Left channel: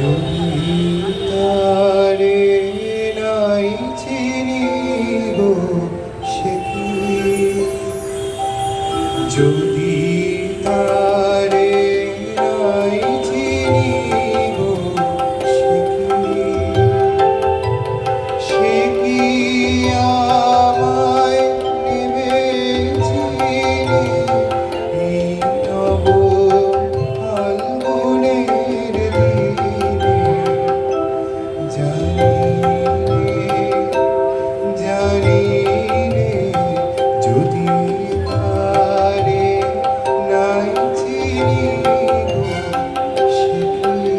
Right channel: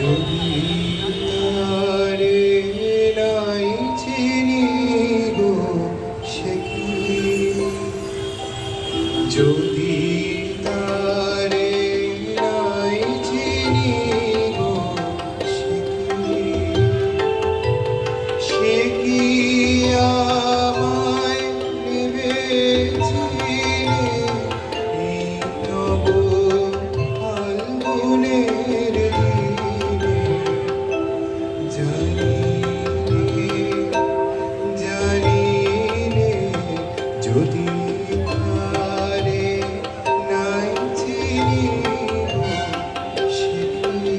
যদি তারে নাই চিনি গো সে কি, যদি তারে নাই চিনি গো সে কি, সে কি আমায় নেবে চিনে এই নব ফাল্গুনের দিনে। জানি রে যদি তারে নাই চিনি গো সে কি।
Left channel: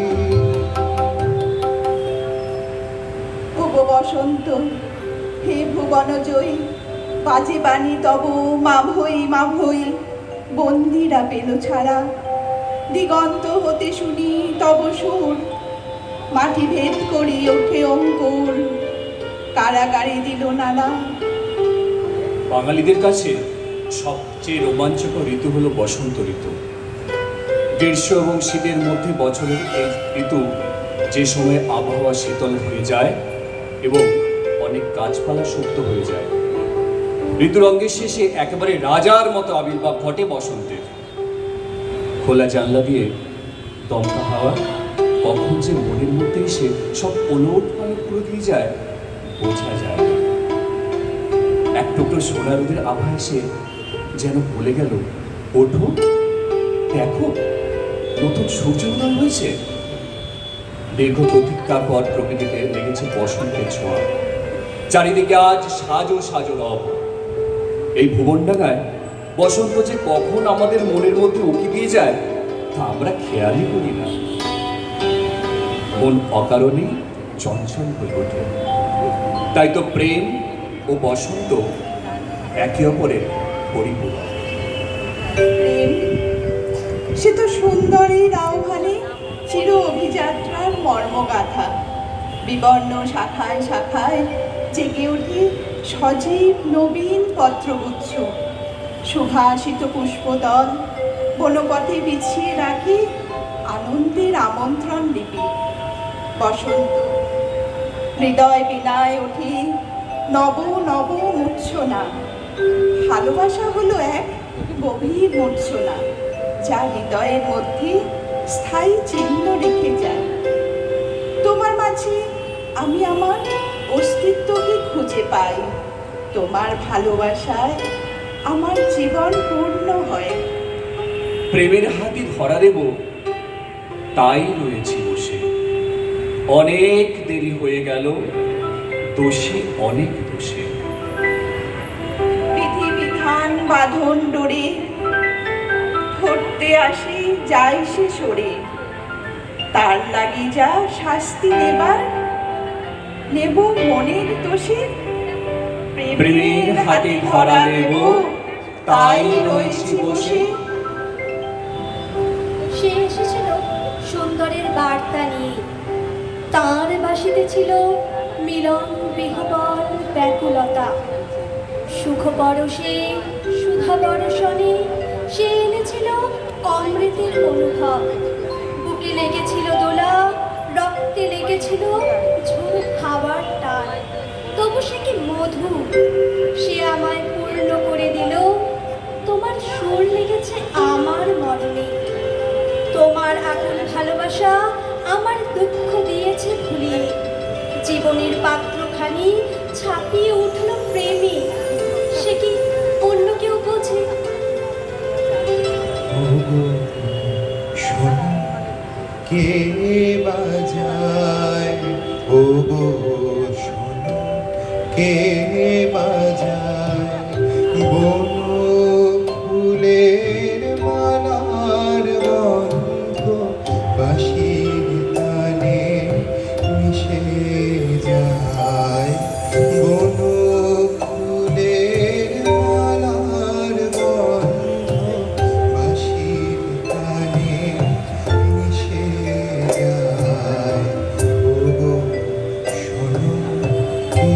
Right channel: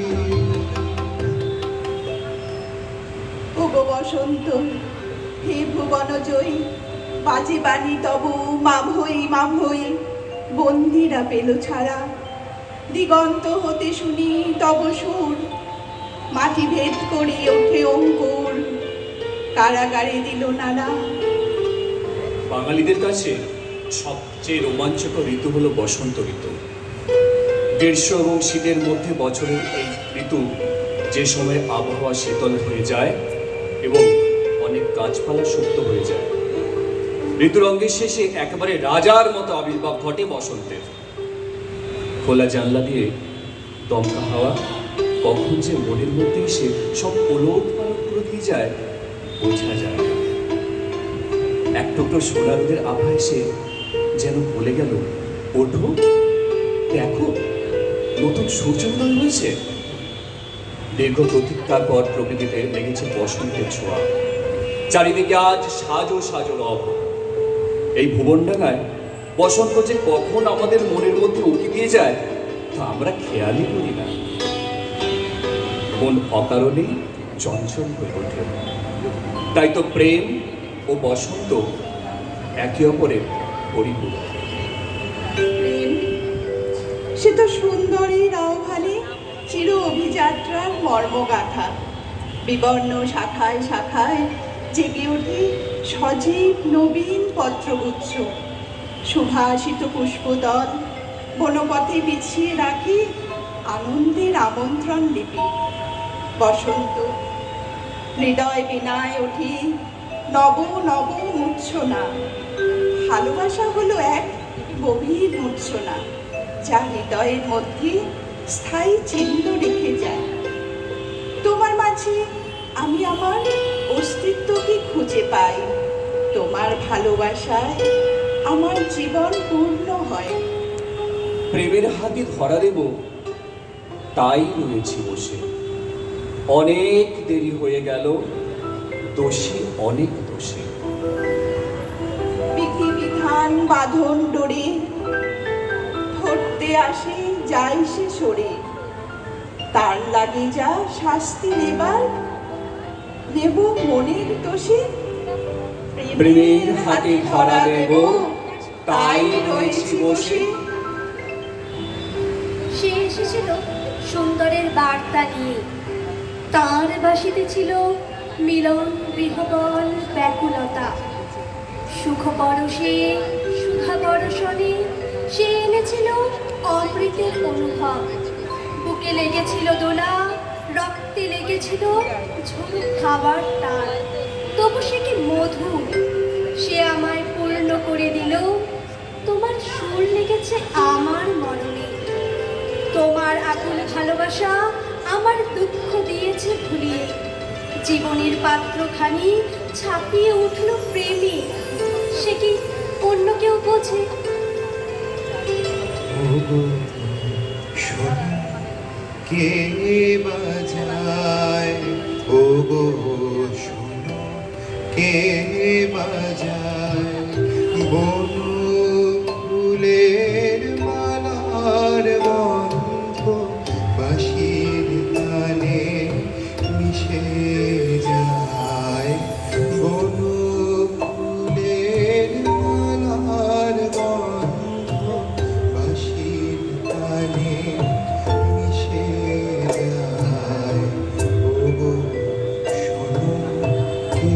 ভুব বসন্ত হে ভুবনজয়ী, বাজে বাণী তব মা ভই বন্দিরা পেল ছাড়া। দিগন্ত হতে শুনি তব সুর, মাটি ভেদ করি ওঠে অঙ্কুর, কারাগারে দিল নানা। বাঙালিদের কাছে সবচেয়ে রোমাঞ্চকর ঋতু হলো বসন্ত ঋতু। গ্রীষ্ম এবং শীতের মধ্যে বছরের এই ঋতু, যে সময় আবহাওয়া শীতল হয়ে যায় এবং অনেক গাছপালা সুপ্ত হয়ে যায়। ঋতুরঙ্গের শেষে একেবারে রাজার মতো আবির্ভাব ঘটে বসন্তের। খোলা জানলা দিয়ে দমকা হাওয়া কখন যে মনের মধ্যে এসে সব ওলট পালট করে দিয়ে যায় বোঝা যায় না। এক টুকরো সোনা রোদের আভা এসে যেন বলে গেল, ওঠো দেখো নতুন সূর্যোদয় হয়েছে। দীর্ঘ প্রতীক্ষার পর প্রকৃতিতে লেগেছে বসন্তের ছোঁয়া। চারিদিকে আজ সাজো সাজো রব। এই ভুবনডাঙ্গায় বসন্ত যে কখন আমাদের মনের মধ্যে উকি দিয়ে যায় তা আমরা খেয়ালই করি না। মন অকারণেই চঞ্চল হয়ে ওঠে। তাই তো প্রেম ও বসন্ত একে অপরের পরিপূরক। প্রেম সে তো সুন্দরীর আহ্বানে চির অভিযাত্রার মর্মগাথা। বিবর্ণ শাখায় শাখায় জেগে ওঠে সজীব নবীন পত্রগুচ্ছ। সুভাষিত পুষ্পদল বনপথে বিছিয়ে রাখি আনন্দের আমন্ত্রণ লিপি। বসন্ত হৃদয় বিনায় ওঠে নব নব মূর্ছনা। ভালোবাসা হলো এক গভীর মূর্ছনা, যা হৃদয়ের মধ্যে স্থায়ী চিহ্ন রেখে যায়। তোমার মাঝে আমি আমার অস্তিত্বকে খুঁজে পাই। তোমার ভালোবাসায় আমার জীবন পূর্ণ হয়। প্রেমের হাতে ধরা দেব তাই রয়েছি বসে। অনেক দেরি হয়ে গেল, দোষী অনেক দোষে। বিধি বিধান বাঁধন ডোরে ধরতে আসি যাই সে সরে। তার লাগে যা শাস্তি নেব মনের দোষে। প্রেমের হাতে ধরা দেব তাই রয়েছি বসে। সে এসেছিল সুন্দরের বার্তা নিয়ে। তাঁর বাসিতে ছিল মিলন বিহবল ব্যাকুলতা। সুখ বরষে সুধা বরষণে সে এনেছিল অমৃতের অনুভব। বুকে লেগেছিল দোলা, রক্তে লেগেছিল ঝুড়ি খাবার টান। তবু সে কি মধুর, সে আমায় পূর্ণ করে দিল। তোমার সুর লেগেছে আমার মরণে। তোমার আকুল ভালোবাসা আমার দুঃখ দিয়েছে ভুলিয়ে। জীবনের পাত্রখানি ছাপিয়ে উঠল প্রেমে। সে কি অন্য কেউ বোঝে? ওগো শোনো কে বাজায়, ওগো শোনো কে বাজায়। বন ফুলের মালার গন্ধ বাঁশির তানে মিশে যায়। বন ফুলের মালার গন্ধ বাঁশির তানে মিশে যায়। ওগো শোনো কে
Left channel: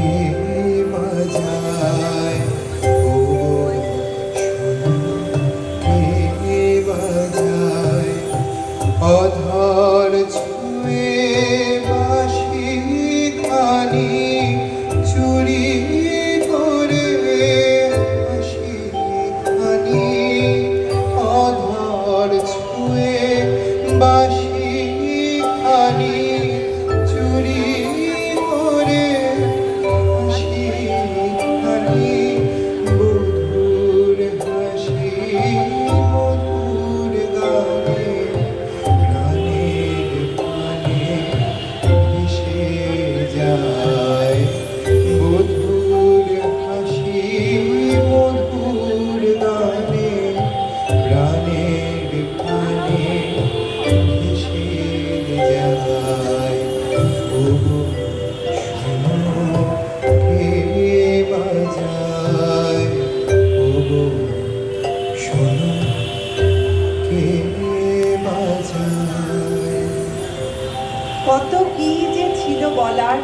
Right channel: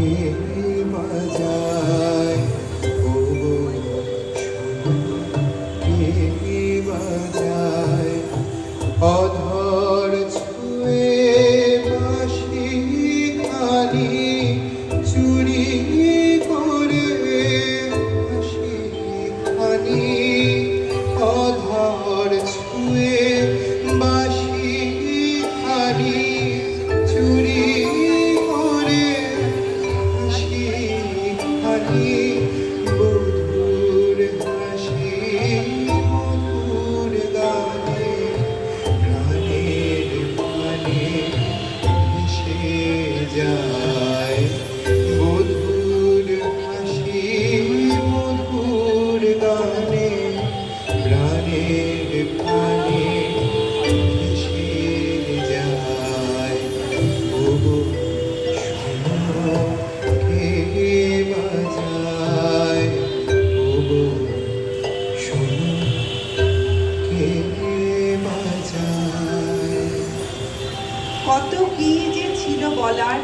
কত কি যে ছিল বলার,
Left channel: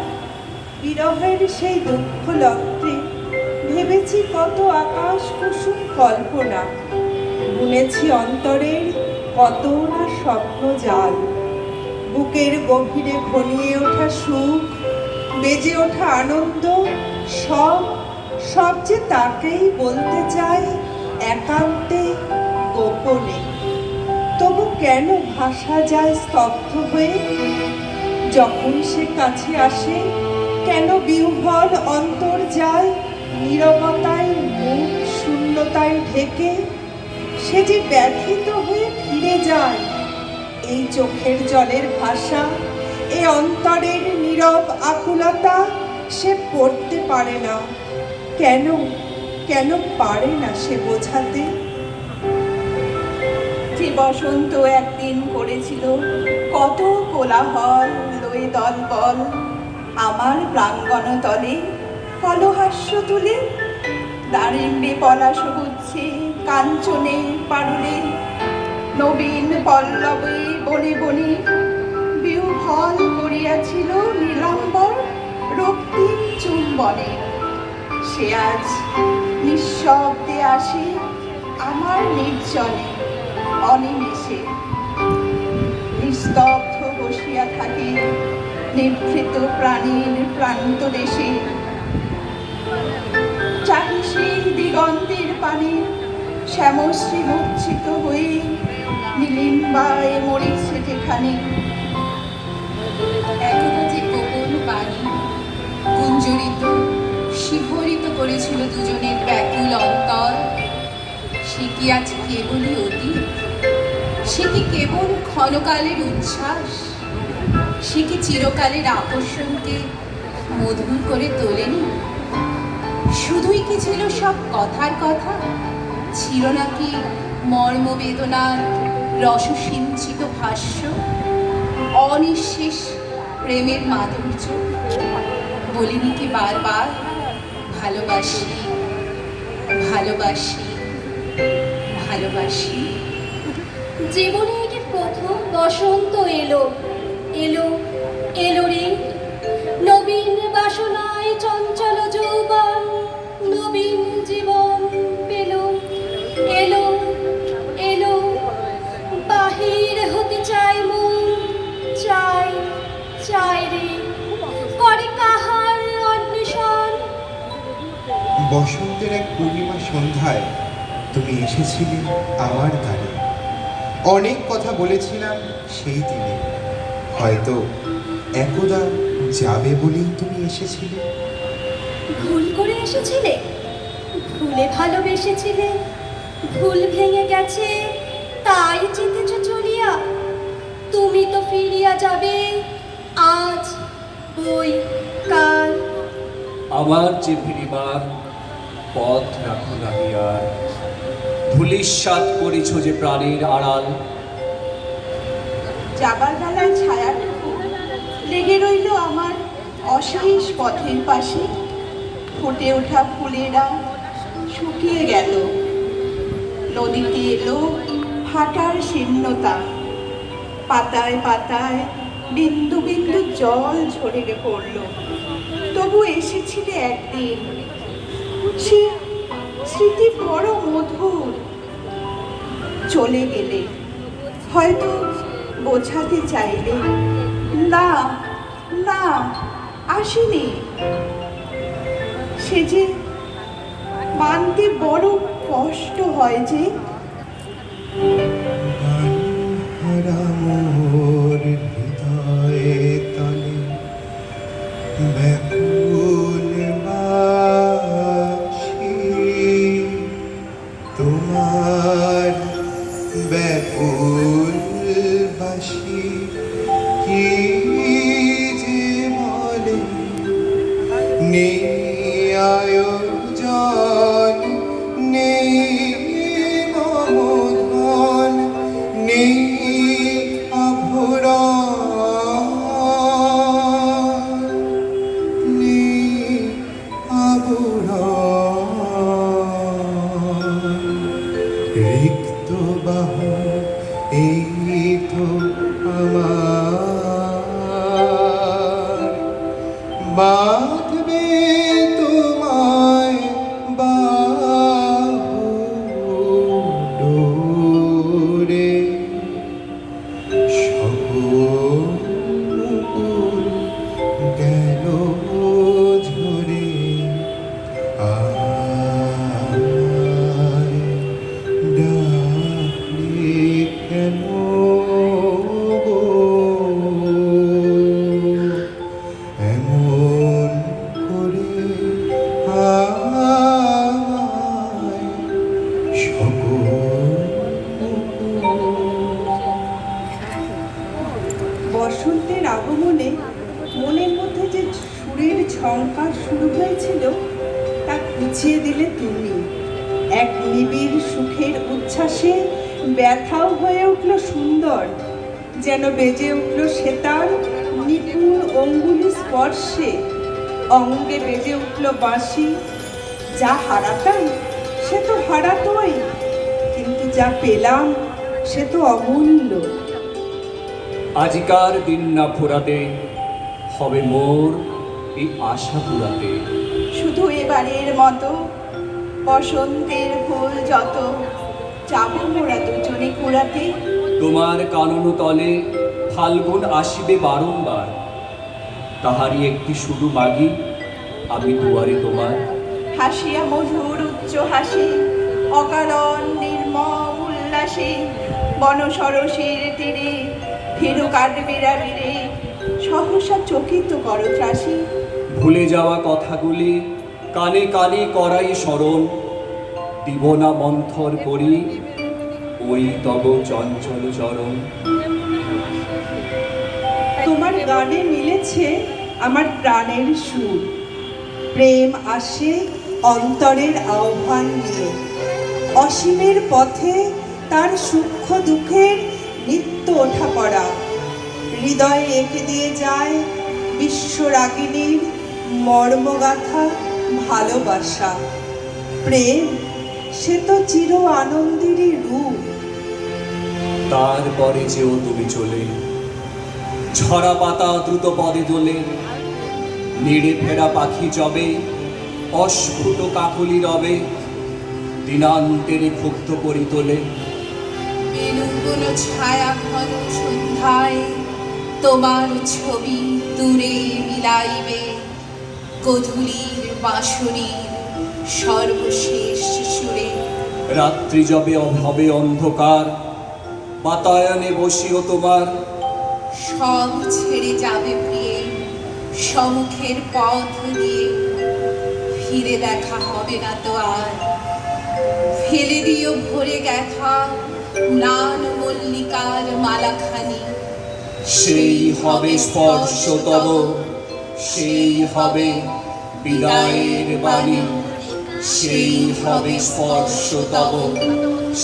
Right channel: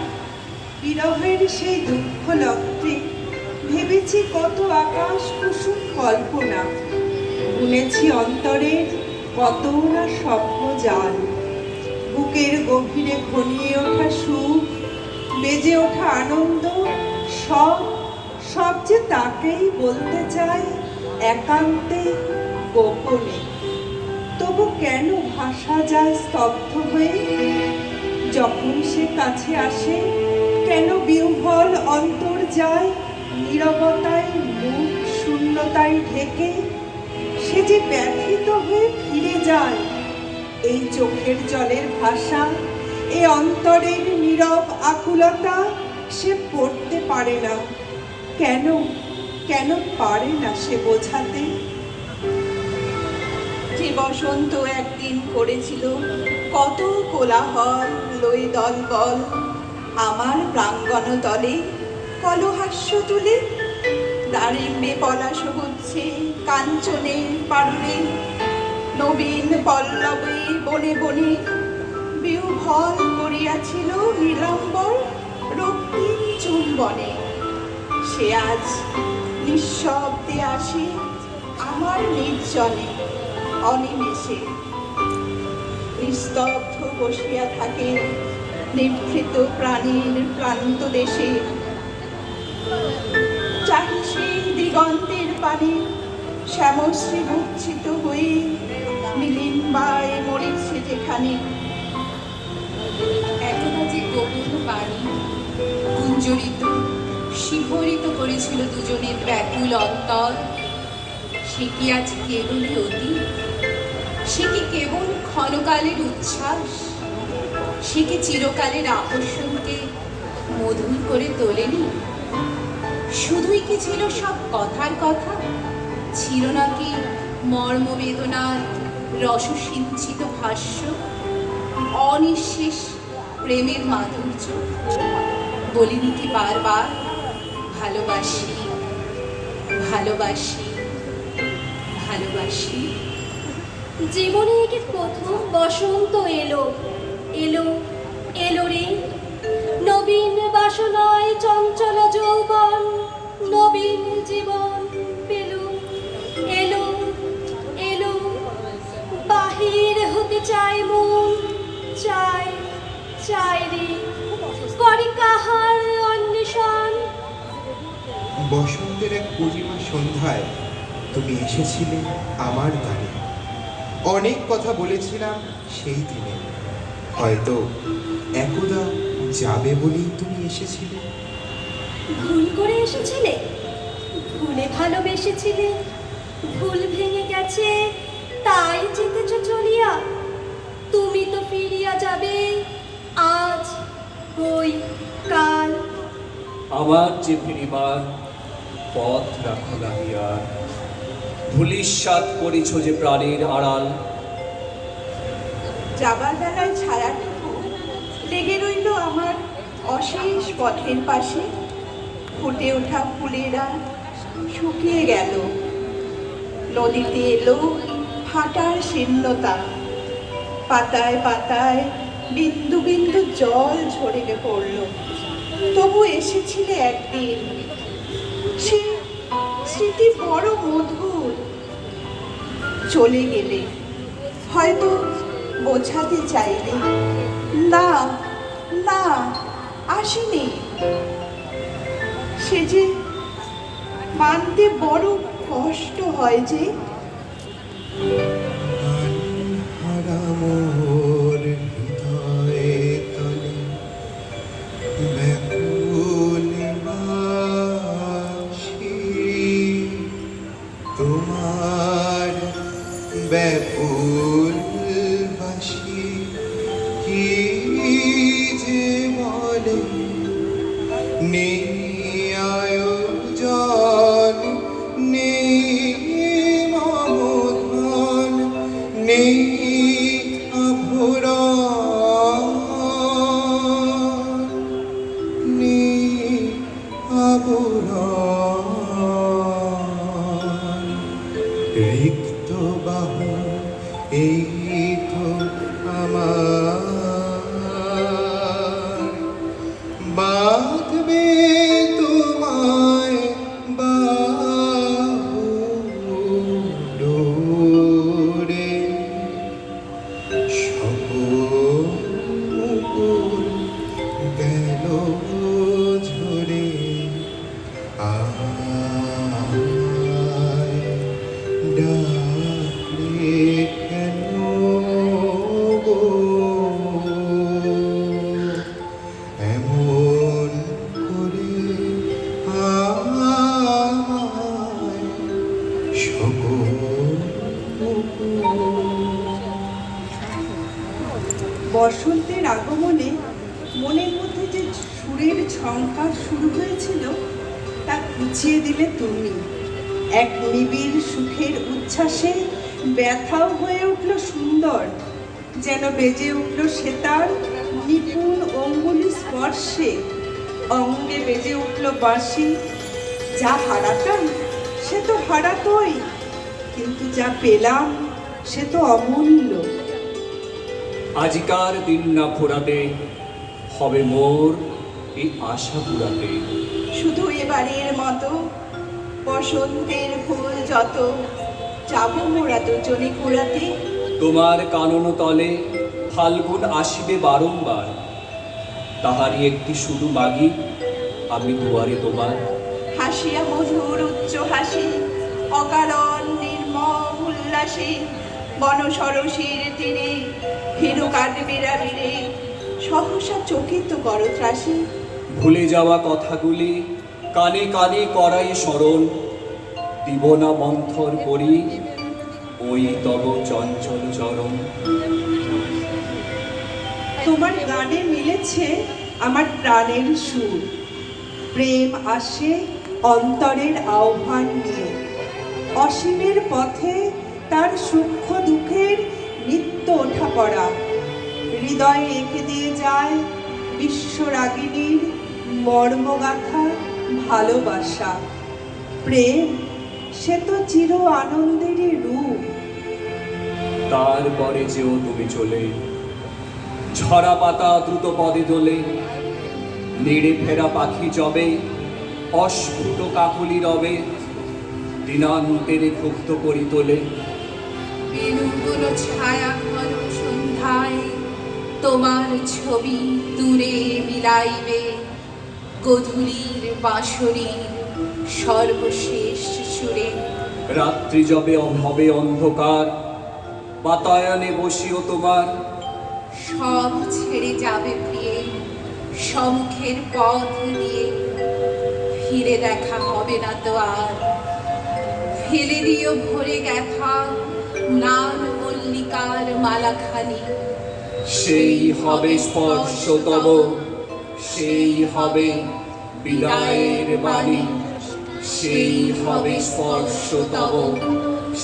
বিরহের সেই দুঃখ লক্ষ্যে ভেবেছি কত আকাশ কুসুম কল্পনা, বুনেছি অন্তরের কত না স্বপ্ন জাল। বুকের গভীরে ঘনিয়ে ওঠা সুখ, বেজে ওঠা আনন্দ, সব সব যে তাকেই বলতে চাই একান্তে গোপনে। তবু কেন ভাষা যায় স্তব্ধ হয়ে যখন সে কাছে আসে? কেন বিহ্বল অন্তর যায় নীরবতায়, মুখ শূন্যতায় ঢেকে? সে যে ব্যথিত হয়ে ফিরে যায়। এই চোখের জলের ভাষা, এই অন্তরের নীরব আকুলতা সে পড়তে পারে না। কেন কেন পারে না সে বোঝাতে? যে বসন্ত একদিন করেছিল কত কোলাহল লয়ে দলবল, আমার প্রাঙ্গণ তলে কলহাস্য তুলে দাঁড়িয়ে পলাশ গুচ্ছে কাঞ্চনের পারুলে, নবীন পল্লবে বনে বনে বিহ্বল করিয়াছিল নীলাম্বর রক্তিম চুম্বনে। সে আজ নিঃশব্দে আসে আমার নির্জনে, অনিমেষে নিস্তব্ধ বসিয়া থাকে নিভৃত প্রাণীর প্রান্ত দেশে। চাহি সেই দিগন্তের পানে শ্যামশ্রী মূর্ছিত হয়ে নীলিম্বায় মরেছে যেখানে। একদা যে গোপন বাণী গুঞ্জরিত শিহরিত করেছিল দুজনের ব্যাকুল অন্তর, সে কি আজ কেবলই অতীত? সে কি কেবল ক্ষণকালের উচ্ছ্বাস? সে কি চিরকালের আকর্ষণকে মধুর করে তোলেনি? শুধুই কি ছিল সব কথার কথা? ছিল নাকি মর্মবেদনার রসসিঞ্চিত ভাষ্য, অনিঃশেষ প্রেমের মাধুর্য? বলিনি কি বারবার ভালোবাসি ভালোবাসি ভালোবাসি? জীবনের প্রথম বসন্ত এলো এলো এলো রে, নবীন বাসনায় চঞ্চল যৌবন নবীন জীবন পেল। এলো এলো বাহির হতে চায় মন, চায় চায় রে, করে কাহার অন্বেষণ। বসন্তের এক পূর্ণিমা সন্ধ্যায় তুমি এসেছিলে আমার দ্বারে। অনেক কথা বলেছিলাম সেই দিনে, হয়তো একদা যাবে বলেই তুমি এসেছিলে। ভুল করে এসেছিলে, ভুলে ভালোবেসেছিলে, ভুল ভেঙে গেছে তাই যেতেছ চলিয়া। তুমি তো ফিরিয়া যাবে আজ বই কাল। আবার যে ফিরিবার পথ রাখো লাগিয়া, ধূলিসাৎ করিছ যে প্রাণের আড়াল। যাবার বেলায় ছায়াটুকু লেগে রইল আমার অশেষ পথের পাশে। ফুটে ওঠা ফুলেরা শুকিয়ে গেল, নদীতে এলো ফাটার শীর্ণতা। পাতায় পাতায় বিন্দু বিন্দু জল ঝরে পড়ল। তবু এসেছিলে একদিন, সে স্মৃতি বড় মধুর। চলে গেলে হয়তো বোঝাতে চাইলে, না না আসিনি। সে যে মানতে বড় কষ্ট হয় যে। গানহারা মোর হৃদয়ে তলে ব্যাকুল বাসি, তোমার ব্যাকুল বাসি কি যে বলে আয়োজন, নেই মমধন, নেই আভরণ, নেই আভরণ। রিক্ত বাহু এই তো আমার বসন্তের আগমনে মনের মধ্যে যে সুরের ঝংকার শুরু হয়েছিল তা ঘুচিয়ে দিলে তুমি। এক নিবিড় সুখের উচ্ছ্বাসে ব্যথাও হয়ে উঠল সুন্দর, যেন বেজে উঠল সেতার নিপুণ অঙ্গুলি স্পর্শে। অঙ্গে বেজে উঠল বাঁশি। যা হারাতাম সে তো হারাতই, কিন্তু যা পেলাম সে তো অমূল্য। আজিকার দিন না ফুরাতে হবে মোর এই আশা পুরাতে। শুধু এবারের মতো বসন্তের ফুল যত যাবো মোরা দুজনে কুড়াতে। তোমার কানন তলে ফাল্গুন আসিবে বারংবার, তাহারই একটি শুধু মাগি আমি দুয়ারে তোমার। হাসিয়া মধুর উচ্চ হাসি, অকারণ নির্মম উল্লাসে, বনসরসীর তীরে ভীরু কাঠবিড়া ভিড়ে সহসা চকিত করো ত্রাসী। ভুলে যাওয়া কথাগুলি কানে কানে করাই স্মরণ, দিব না মন্থর করি ওই তব চঞ্চল চরণ। তোমার গানে মিলেছে আমার প্রাণের সুর। প্রেম আসে অন্তরের আহ্বান নিয়ে, অসীমের পথে তার সূক্ষ্ম দুঃখের নিত্য ওঠা পড়া। হৃদয়ে এঁকে দিয়ে যায় বিশ্বরাগিনীর মর্মগাথা ভালোবাসা। প্রেম সে তো চির আনন্দেরই রূপ। তারপরে যেও তুমি চলে, ঝরা পাতা দ্রুত পদে দোলে, নেড়ে ফেরা পাখি জবে, অস্ফুট কাকলি রবে, দিনান্তেরে ক্ষুব্ধ করি তোলে। বেলুগুলো ছায়া ঘন সন্ধ্যায় তোমার ছবি দূরে বিলাইবে, গধূলির বাঁশরীর সর্বশেষ সুরে। রাত্রি যবে হবে অন্ধকার, বাতায়নে বসিও তোমার। সব ছেড়ে যাবে প্রিয়ে সম্মুখের পথ দিয়ে, ফিরে দেখা হবে না তো আর। ফেলে দিও ভরে গেথা নান মল্লিকার মালাখানি। সেই হবে স্পর্শ তব, সেই হবে বিদায়ের বাণী। সেই হবে স্পর্শ তব,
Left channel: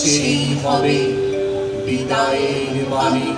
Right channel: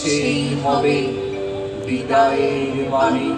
সেই হবে বিদায়ের বাণী।